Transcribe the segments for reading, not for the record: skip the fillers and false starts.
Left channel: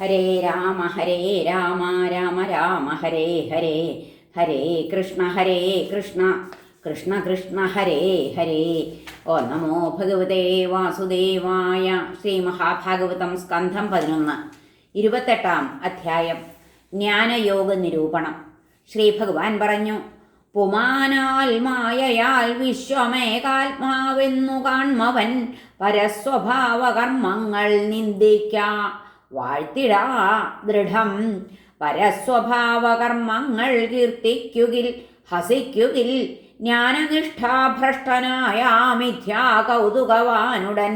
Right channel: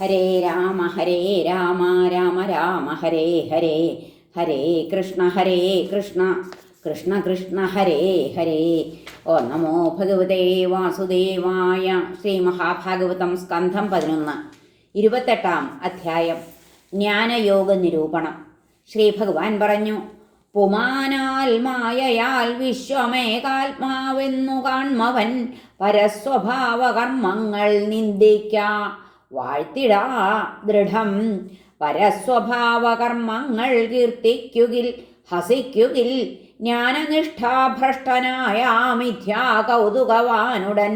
ഹരേ രാമ രാമ രാമ ഹരേ ഹരേ, ഹരേ കൃഷ്ണ കൃഷ്ണ കൃഷ്ണ ഹരേ ഹരേ. ഓ നമോ ഭഗവതേ വാസുദേവായ. ശ്രീ മഹാഭാഗവതം സ്കന്ധം 11, 28 അധ്യായം. ജ്ഞാനയോഗ നിരൂപണം. ശ്രീ ഭഗവാൻ പറഞ്ഞു: പുമാനാൽ മായയാൽ വിശ്വമേകാത്മാവെന്നു കാൺമവൻ പരസ്വഭാവകർമ്മങ്ങൾ നിന്ദിക്ക വാഴ്ത്തിടാ ദൃഢം. പരസ്വഭാവകർമ്മങ്ങൾ കീർത്തിക്കുകിൽ ഹസിക്കുകിൽ ജ്ഞാനനിഷ്ഠാഭ്രഷ്ടനായ മിഥ്യാ കൗതുകവാനുടൻ.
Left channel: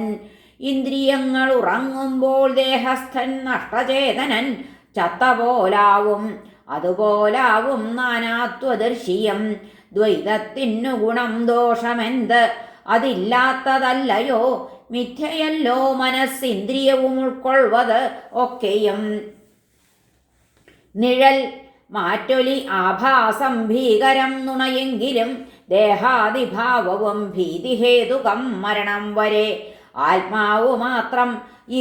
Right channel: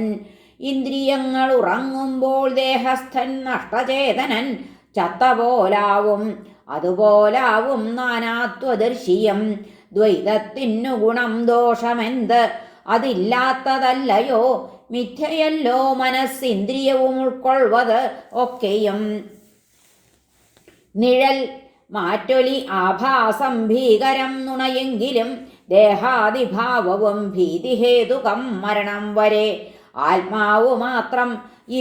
ഇന്ദ്രിയങ്ങൾ ഉറങ്ങുമ്പോൾ ദേഹസ്ഥൻ നഷ്ടചേതനൻ ചത്തപോലാവും. അതുപോലാവും നാനാത്വദർശിയം. ദ്വൈതത്തിനു ഗുണം ദോഷമെന്ത്? അതില്ലാത്തതല്ലയോ? മിഥ്യയല്ലോ മനസ്സിന്ദ്രിയവും ഉൾക്കൊള്ളുവത് ഒക്കെയും. നിഴൽ മാറ്റൊലി ആഭാസം ഭീകരം നുണയെങ്കിലും ദേഹാദിഭാവവും ഭീതിഹേതുകം മരണം വരെ. ആത്മാവു മാത്രം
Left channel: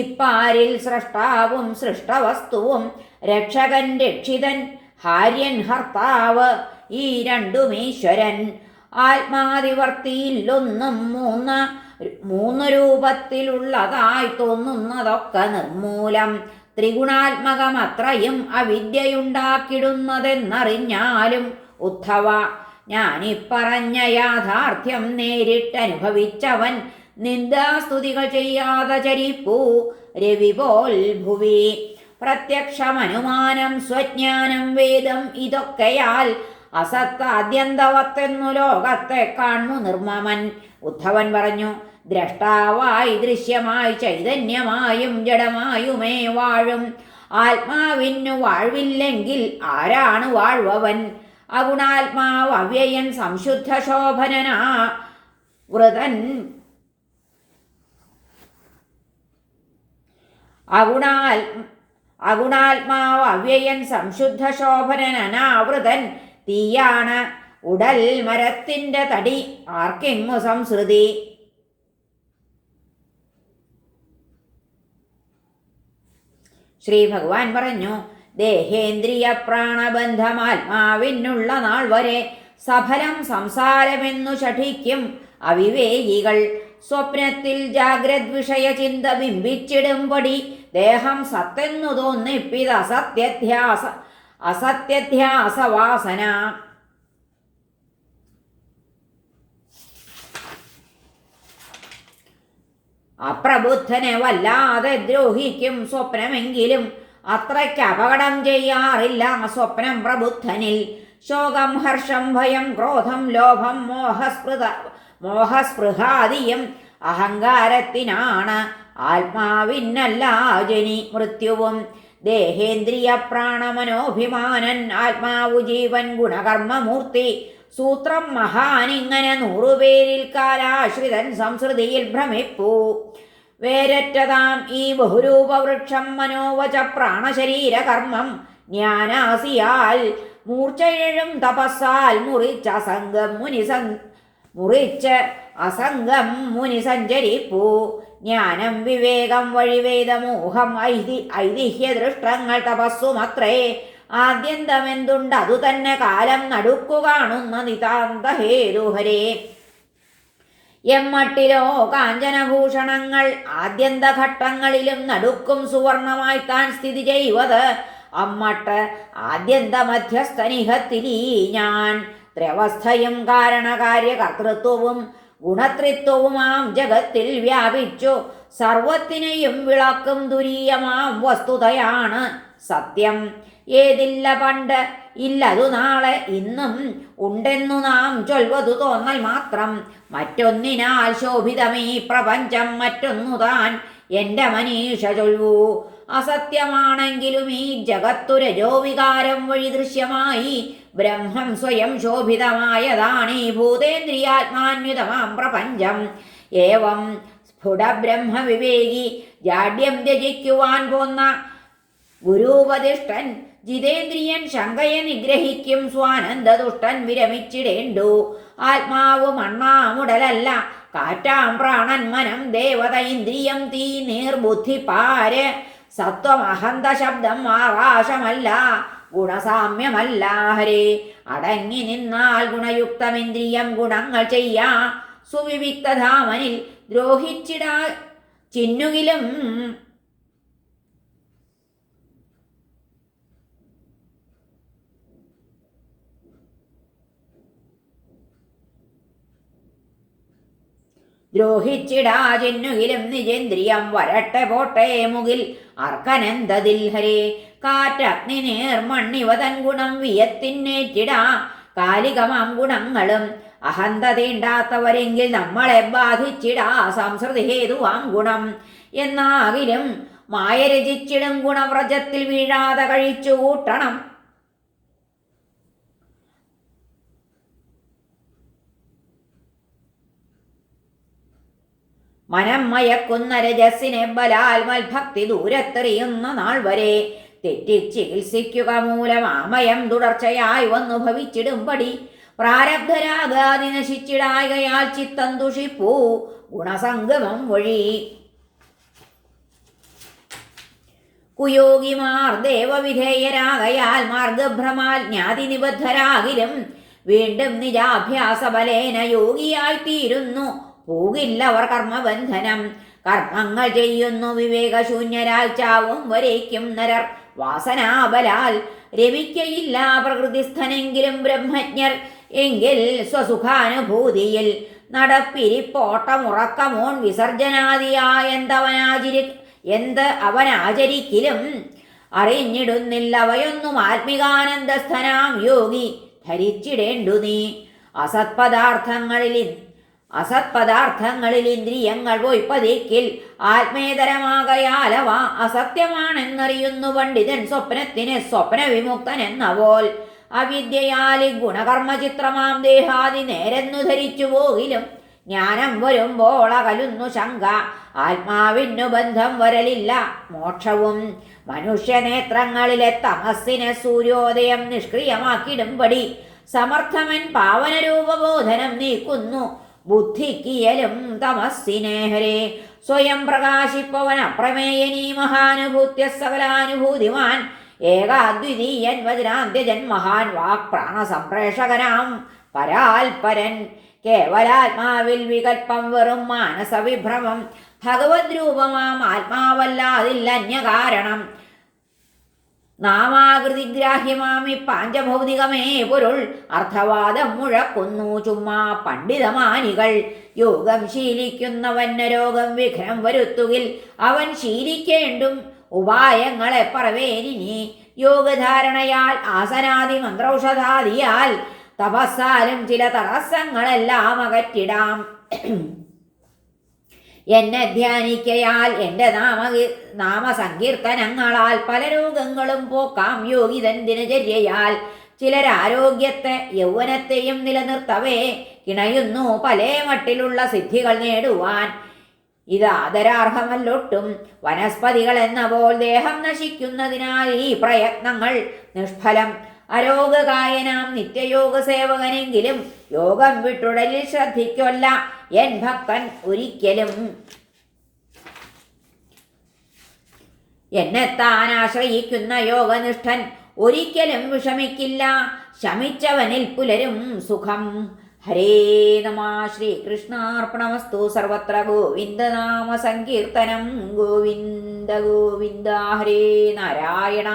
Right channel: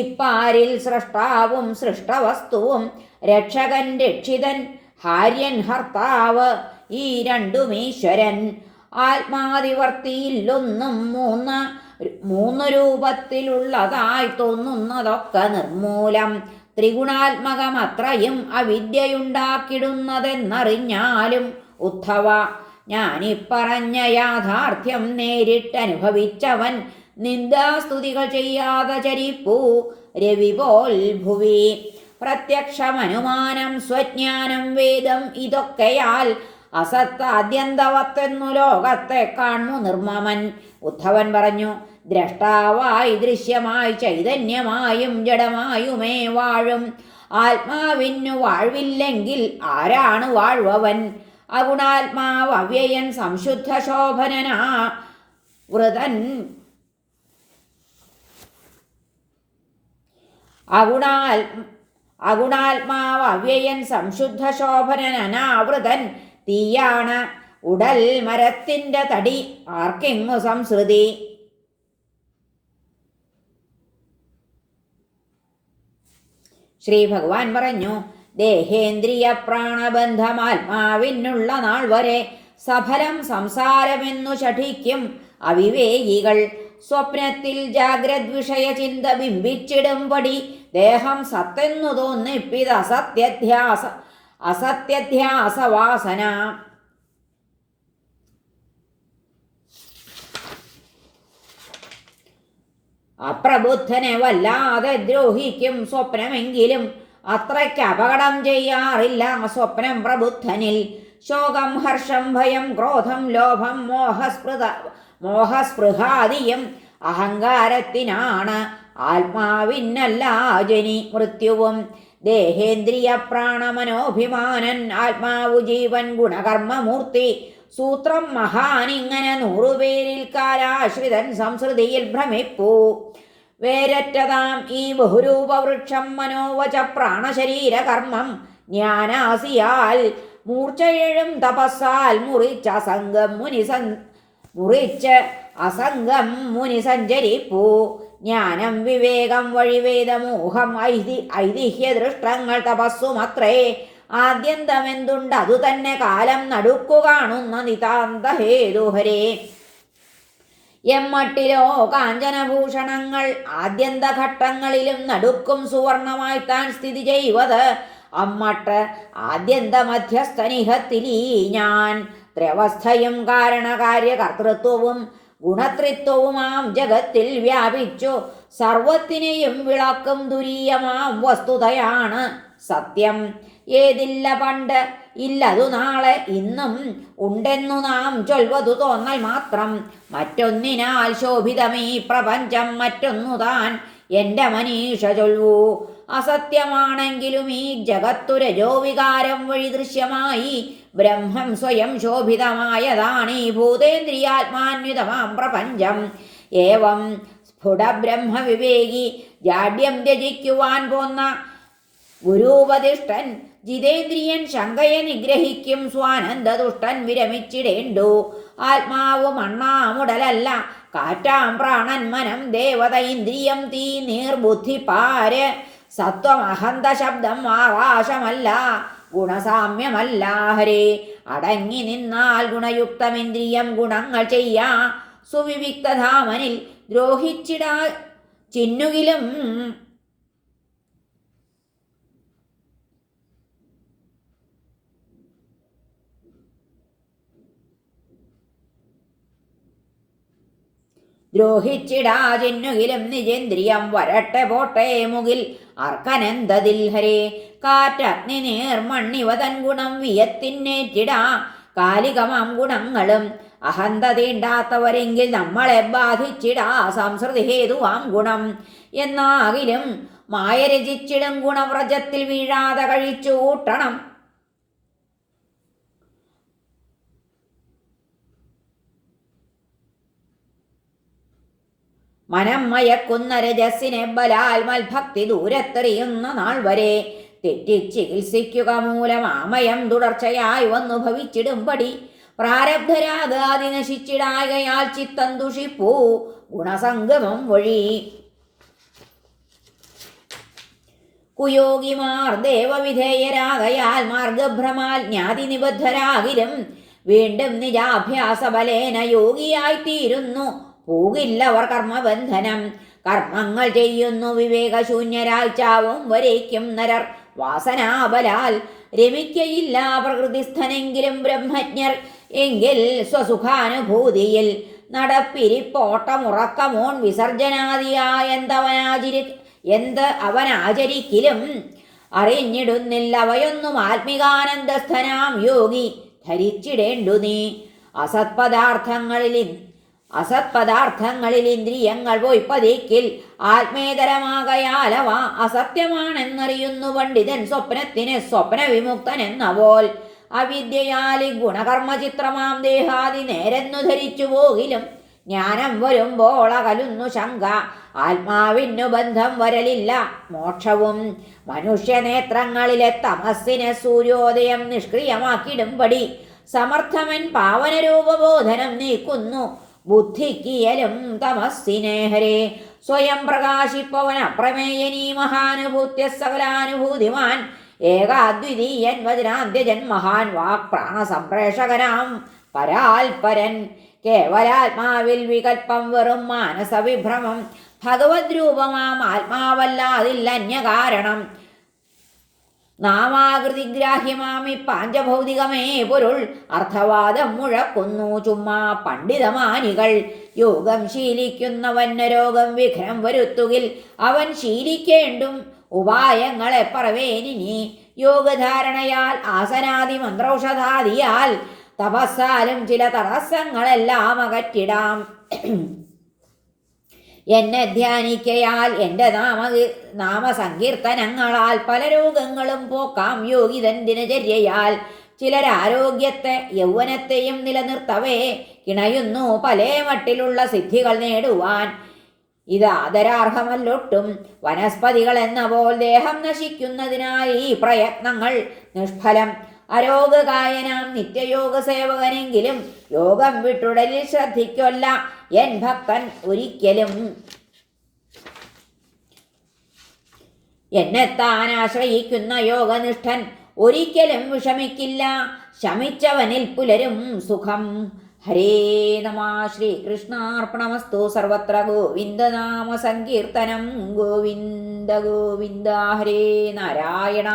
ഇപ്പാരിൽ സ്രഷ്ടാവും സൃഷ്ടവസ്തുവും രക്ഷകൻ രക്ഷിതൻ ഹാര്യൻ ഹർത്താവ് ഈ രണ്ടുമീശ്വരൻ. ആത്മാതിവർത്തിയില്ലൊന്നും മൂന്ന് രൂപത്തിലുള്ളതായി തോന്നുന്നതൊക്കെ നിർമൂലം. ത്രിഗുണാത്മകമത്രയും അവിദ്യയുണ്ടാക്കിടുന്നതെന്നറിഞ്ഞാലും ഉദ്ധവ, ഞാനിപ്പറഞ്ഞ യാഥാർത്ഥ്യം നേരിട്ടനുഭവിച്ചവൻ നിന്ദാസ്തുതികൾ ചെയ്യാതെ ചരിപ്പൂ രവി പോൽ ഭുവി. പ്രത്യക്ഷമനുമാനം സ്വജ്ഞാനം വേദം ഇതൊക്കെയാൽ അസത്താദ്യന്തവത്തെന്നു ലോകത്തെ കാണു നിർമ്മമൻ. ഉദ്ധവൻ പറഞ്ഞു: ദ്രഷ്ടാവായി ദൃശ്യമായി ചൈതന്യമായും ജഡമായുമേ വാഴും ആത്മാവിനു വാഴ്വില്ലെങ്കിൽ ആരാണ് വാഴ്വവൻ? അഗുണാത്മാവ് അവ്യയൻ സംശുദ്ധ ശോഭനനാ വൃതൻ. അഗുണാത്മാവ് അവ്യയൻ സംശുദ്ധ ശോഭനനാവൃതൻ. തീയാണ് ഉടൽ മരത്തിൻ്റെ തടി ആർക്കെങ്ങു സംസൃതി. ശ്രീ ഭഗവാൻ പറഞ്ഞു: ദേഹേന്ദ്രിയ പ്രാണബന്ധമാത്മാവിനുള്ള നാൾ വരെ സഫലം സംസാരമെന്നു ശഠിക്കും അവിവേകികൾ. സ്വപ്നത്തിൽ ജാഗ്രത് വിഷയ ചിന്ത ബിംബിച്ചിടുംപടി ദേഹം സത്തെന്നു തോന്നിപ്പിത് അസത്യധ്യാസവാസന. അപ്രബുദ്ധനെ വല്ലാതെ ദ്രോഹിക്കും സ്വപ്നമെങ്കിലും അത്രയ്ക്ക് അപകടം ചെയ്യാറില്ല സ്വപ്നം പ്രബുദ്ധനിൽ. ശോകം ഹർഷം ഭയം ക്രോധം ലോഭം മോഹസ്പൃഹാദിയും അഹങ്കാരത്തിനാണ്. ആത്മാവിനല്ല ജനി മൃത്യുവും. ദേഹേന്ദ്രിയ പ്രാണമനോഭിമാനൻ ആത്മാവു ജീവൻ ഗുണകർമ്മമൂർത്തി. സൂത്രം മഹാനിങ്ങനെ 100 പേരിൽ കാലാശ്രിതൻ സംസൃതിയിൽ ഭ്രമിപ്പൂ. വേരറ്റതാം ഈ ബഹുരൂപവൃക്ഷം മനോവച പ്രാണശരീരകർമ്മം ജ്ഞാനാസിയാൽ മൂർച്ചയെഴും തപസ്സാൽ മുറിച്ച് അസംഗം മുനി സഞ്ചരിപ്പൂ. ജ്ഞാനം വിവേകം വഴിവേദമോഹം ഐതിഹ്യദൃഷ്ടങ്ങൾ തപസ്സുമത്രേ. ആദ്യന്തമെന്തുണ്ട് അതു തന്നെ കാലം നടുക്കു കാണുന്ന നിതാന്തഹേതുഹരേ. എമ്മട്ടിലോ കാഞ്ചനഭൂഷണങ്ങൾ ആദ്യന്തഘട്ടങ്ങളിലും നടുക്കും സുവർണമായി താൻ സ്ഥിതി ചെയ്വത്. അമ്മട്ട് ആദ്യന്ത മധ്യസ്ഥനിഹത്തിലീ ഞാൻ. ത്രവസ്ഥയും കാരണകാര്യകർത്തൃത്വവും ഗുണത്രിത്വവുമാം ജഗത്തിൽ വ്യാപിച്ചു സർവത്തിനെയും വിളക്കും തുരീയമാം വസ്തുതയാണ് സത്യം. ഏതില്ല പണ്ട് ഇല്ലതു നാളെ ഇന്നും ഉണ്ടെന്നു നാം ചൊൽവതു തോന്നൽ മാത്രം. മറ്റൊന്നിനാൽ ശോഭിതമീ പ്രപഞ്ചം മറ്റൊന്നു താൻ എൻ്റെ മനീഷ ചൊൽവൂ. അസത്യമാണെങ്കിലും ഈ ജഗത്തു രജോവികാരം വഴി ദൃശ്യമായി ബ്രഹ്മം സ്വയം ശോഭിതമായതാണീ ഭൂതേന്ദ്രിയാത്മാന്വിതമാം പ്രപഞ്ചം. ഏവം സ്ഫുടബ്രഹ്മവിവേകി ജാഡ്യം ത്യജിക്കുവാൻ പോന്ന ഗുരുപദിഷ്ടൻ ജിതേന്ദ്രിയൻ ശങ്കയെ നിഗ്രഹിക്കും സ്വാനന്ദതുഷ്ടൻ വിരമിച്ചിടേണ്ടു. ആത്മാവ് മണ്ണാമുടലല്ല കാറ്റാം പ്രാണൻ മനം ദേവത ഇന്ദ്രിയം തീ നീർബുദ്ധി പാര് സത്വം അഹന്ത ശബ്ദം ആകാശമല്ല, ഗുണസാമ്യമല്ല ഹരേ. അടങ്ങി നിന്നാൽ ഗുണയുക്തമിന്ദ്രിയം ഗുണങ്ങൾ ചെയ്യാ, സുവിവിക്തധാമനിൽ ദ്രോഹിച്ചിടാ ചിന്നുകിലും. ദ്രോഹിച്ചിടാചെന്നുകിലും നിജേന്ദ്രിയം വരട്ടെ പോട്ടെ മുകിൽ അർക്കനന്തതിൽ ഹരേ. കാറ്റഗ്നി നേർമണ്ണിവ തൻ ഗുണം വിയത്തിന്നേറ്റിടാ, കാലികമാം ഗുണങ്ങളും അഹന്ത തീണ്ടാത്തവരെങ്കിൽ നമ്മളെ ബാധിച്ചിടാ സംസൃതി ഹേതുവാം ഗുണം. എന്നാകിലും മായ രചിച്ചിടും ഗുണവ്രജത്തിൽ വീഴാതെ കഴിച്ചു കൂട്ടണം. മനം മയക്കുന്ന രജസ്സിനെ ബലാൽ മൽഭക്തി ദൂരത്തെറിയുന്ന നാൾ വരെ തെറ്റി ചികിത്സിക്കുക മൂലം ആമയം തുടർച്ചയായി വന്നു ഭവിച്ചിടുംപടി. പ്രാരബ്ധരാഗാതി നശിച്ചിടായകയാൽ ചിത്തം ദുഷിപ്പൂ ഗുണസംഗമം വഴി. കുയോഗിമാർ ദേവവിധേയരാകയാൽ മാർഗഭ്രമാൽ ജ്ഞാതി നിബദ്ധരാകിലും വീണ്ടും നിജാഭ്യാസ ബലേന യോഗിയായിത്തീരുന്നു. പോകില്ലവർ കർമ്മബന്ധനം. കർമ്മങ്ങൾ ചെയ്യുന്നു വിവേകശൂന്യരാൽ ചാവും വരേക്കും നരർ. വാസനാബലാൽ രമിക്കയില്ല പ്രകൃതിസ്ഥനെങ്കിലും ബ്രഹ്മജ്ഞർ. എങ്കിൽ സ്വസുഖാനുഭൂതിയിൽ നടപ്പിരിപ്പോട്ടമുറക്കമോൺ വിസർജനാദിയായ എന്ത് അവനാചരിക്കിലും അറിഞ്ഞിടുന്നില്ല അവയൊന്നും ആത്മികാനന്ദസ്ഥനാം യോഗി ധരിച്ചിടേണ്ടു നീ. അസത്പദാർത്ഥങ്ങളിൽ ഇന്ദ്രിയങ്ങൾ പോയി പതിക്കിൽ ആത്മേതരമാകയാലവ അസത്യമാണെന്നറിയുന്നു പണ്ഡിതൻ സ്വപ്നത്തിന് സ്വപ്നവിമുക്തൻ എന്ന പോൽ. അവിദ്യയാൽ ഗുണകർമ്മചിത്രമാം ദേഹാദി നേരെന്നു ധരിച്ചു പോകിലും ജ്ഞാനം വരുമ്പോൾ അകലുന്നു ശങ്ക. ആത്മാവിനു ബന്ധം വരലില്ല മോക്ഷവും. മനുഷ്യനേത്രങ്ങളിലെ തമസ്സിനെ സൂര്യോദയം നിഷ്ക്രിയമാക്കിടുംപടി സമർത്ഥമൻ പാവനരൂപബോധനം നീക്കുന്നു ബുദ്ധിക്കിയലും തമസ്സിനെ ഹരേ. സ്വയം പ്രകാശിപ്പവൻ അപ്രമേയനീ മഹാനുഭൂത്യ സകലാനുഭൂതിമാൻ. ഏകാദ്വിതീയൻ വജ്രാന്ത്യജൻ മഹാൻ വാക് പ്രാണസംപ്രേഷകനാം പരാൽപരൻ. കേവലാത്മാവിൽ വികൽപ്പം വെറും മാനസവിഭ്രമം. ഭഗവത് രൂപമാം ആത്മാവല്ലാതില്ല അന്യകാരണം. നാമാകൃതിഗ്രാഹ്യമാമി പാഞ്ചഭൗതികമേ പൊരുൾ. അർത്ഥവാദം മുഴക്കുന്നു ചുമ്മാ പണ്ഡിതമാനികൾ. യോഗം ശീലിക്കുന്നവന് രോഗം വിഘ്നം വരുത്തുകിൽ അവൻ ശീലിക്കേണ്ടും ഉപായങ്ങളെ പറവേനിനി. യോഗധാരണയാൽ ആസനാദി മന്ത്രൌഷധാദിയാൽ തപസ്സാലും ചില തടസ്സങ്ങളെല്ലാം അകറ്റിടാം. എന്നെ ധ്യാനിക്കയാൽ എൻ്റെ നാമസങ്കീർത്തനങ്ങളാൽ പല രോഗങ്ങളും പോക്കാം യോഗിതൻ ദിനചര്യയാൽ. ചിലരാരോഗ്യത്തെ യൗവനത്തെയും നിലനിർത്തവേ കിണയുന്നു പല മട്ടിലുള്ള സിദ്ധികൾ നേടുവാൻ. ഇത് ആദരാർഹമല്ലൊട്ടും. വനസ്പതികൾ എന്ന പോൽ ദേഹം നശിക്കുന്നതിനാൽ ഈ പ്രയത്നങ്ങൾ നിഷ്ഫലം. അരോഗകായനാം നിത്യയോഗ സേവകനെങ്കിലും യോഗം വിട്ടുടലിൽ ശ്രദ്ധിക്കൊല്ല എൻ ഭക്തൻ ഒരിക്കലും. എന്നെത്താൻ ആശ്രയിക്കുന്ന യോഗനിഷ്ഠൻ ഒരിക്കലും വിഷമിക്കില്ല. ശമിച്ചവനിൽ പുലരും സുഖം. ഹരേ നമ. ശ്രീകൃഷ്ണാർപ്പണമസ്തു. സർവത്ര ഗോവിന്ദനാമ സങ്കീർത്തനം. ഗോവിന്ദ ഗോവിന്ദ. ഹരേ നാരായണ.